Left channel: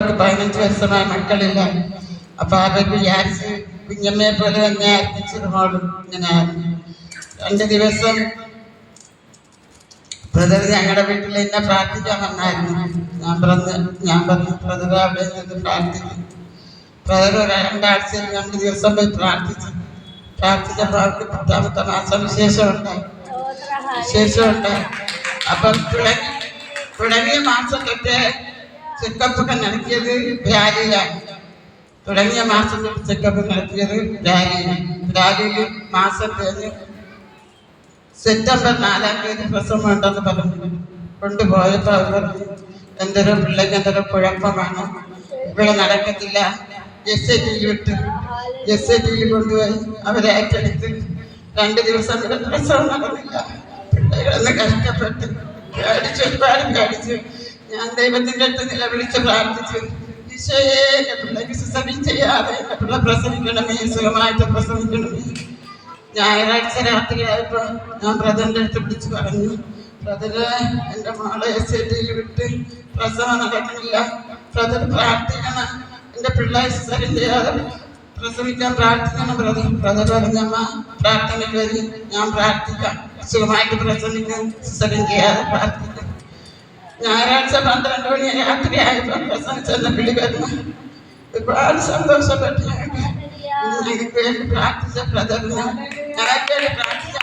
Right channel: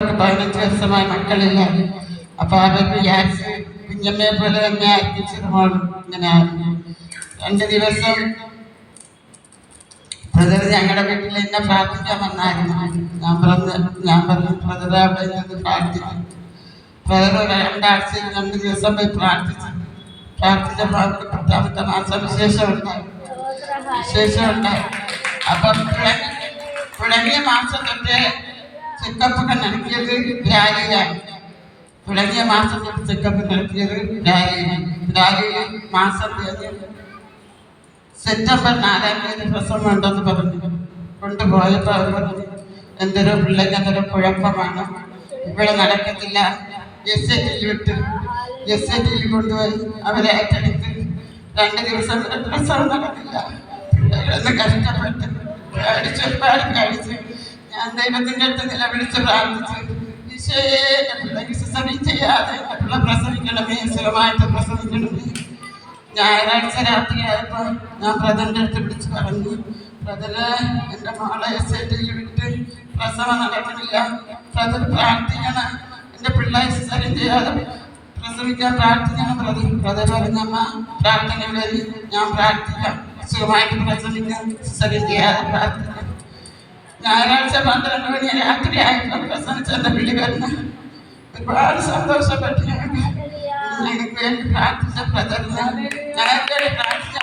പതിനഞ്ച് വയസ്സമായ മക്കളില്ല. അപ്പൊ അവർ വിചാരിച്ച് കുഞ്ഞമ്മയെ പോലെ തന്നെ ആയിരിക്കും മോളും ഇങ്ങനെ ആയിരുന്നു. രണ്ട് ദിവസം ബ്രദർ ഞങ്ങളുടെ വീട്ടിൽ എന്നെ പ്രാർത്ഥിക്കാൻ വന്നായിരുന്നു. ഞാൻ പറഞ്ഞ് ഞാൻ പറഞ്ഞു ബ്രദർ അവിടെ നിന്ന് പ്രാർത്ഥിക്കും. ബ്രദർ ഒരു രണ്ടാഴ്ച രണ്ട് ദിവസം പോയി പ്രാർത്ഥിച്ചു. പ്രാർത്ഥിച്ചപ്പോൾ അവർക്ക് പത്താമത്തെ മാസം വിശേഷം ഉണ്ടായി വിശേഷം ഉണ്ടായി അപ്പം തുടങ്ങി തുടങ്ങിയ മാസം തൊട്ട് ചെക്കപ്പൊക്കെ നടത്തിയത് രാലിയിലാണ് തുടങ്ങിയ മാസത്തിൽ ചെക്കപ്പ് നടത്തിയത് രാലിയിലാണ് രാലിയിൽ മാസം കഴിഞ്ഞ് സെപ്റ്റംബർ നാലാം തീയതി പ്രസവം ഉണ്ടെന്ന് പറഞ്ഞു. കൊണ്ടുപോയപ്പോൾ അവർ പറഞ്ഞു എന്തൊരു പിള്ളേക്ക് എന്തൊരു കുഴപ്പമാണ്. ഇവിടെ നടക്കത്തില്ല. എസ് എ ടി വിട്ട് എസ് എ ടി കൊണ്ടുപോയി അവരെ ഏറ്റെടുത്ത് രണ്ട് ദിവസം പ്രസവം നടന്നില്ല. പിള്ളേരൊന്ന് കഷ്ടപ്പെട്ട് പേടിച്ച് ഒരുപാട് പേടിച്ച് ഞാൻ ദൈവത്തിന്റെ അടുത്ത് നിലവിളിച്ച് പ്രാർത്ഥിച്ചു. ഈശോയെ എന്റെ പിള്ളേക്ക് സിസറി ചെയ്യാതെ എന്റെ പിള്ള പ്രസവിക്കണമേ സുഖമായിട്ട് പ്രസവിക്കണമേ. ഞായറാഴ്ച രാത്രിയായപ്പോൾ ഞാൻ ബ്രദറിന്റെ അടുത്ത് വിളിച്ച് പറഞ്ഞു ബ്രദറ് എന്റെ മോളെ എസ് ഐ ടിയിൽ വിട്ട് പ്രസവം നടക്കുന്നില്ല. ബ്രദർ പ്രാർത്ഥിക്കണം. എന്റെ പിള്ളേർ സിസറിൻ ചെയ്യാതെ പ്രസവിക്കാൻ പ്രാർത്ഥിക്കണം ബ്രദർ. ബ്രദർ പറഞ്ഞമ്മ പ്രാർത്ഥന വരി ഞാൻ പ്രാർത്ഥിക്കാം. സുഖമായിട്ട് പ്രസവിക്കാൻ സിസറിൻ ചെയ്യാതെ പ്രാർത്ഥിക്കാം. ഞായറാഴ്ച പന്ത്രണ്ട് മണി രാത്രിയായപ്പോൾ പ്രസവിച്ചെന്ന വിളി വരുന്നു ഒരുപാട് സന്തോഷപ്പെട്ടു ഞങ്ങൾക്ക് ഞങ്ങൾക്ക് വേണ്ടി പ്രാർത്ഥിച്ച ബ്രദറിന് ഞങ്ങൾക്ക് വേണ്ടി പ്രാർത്ഥിച്ച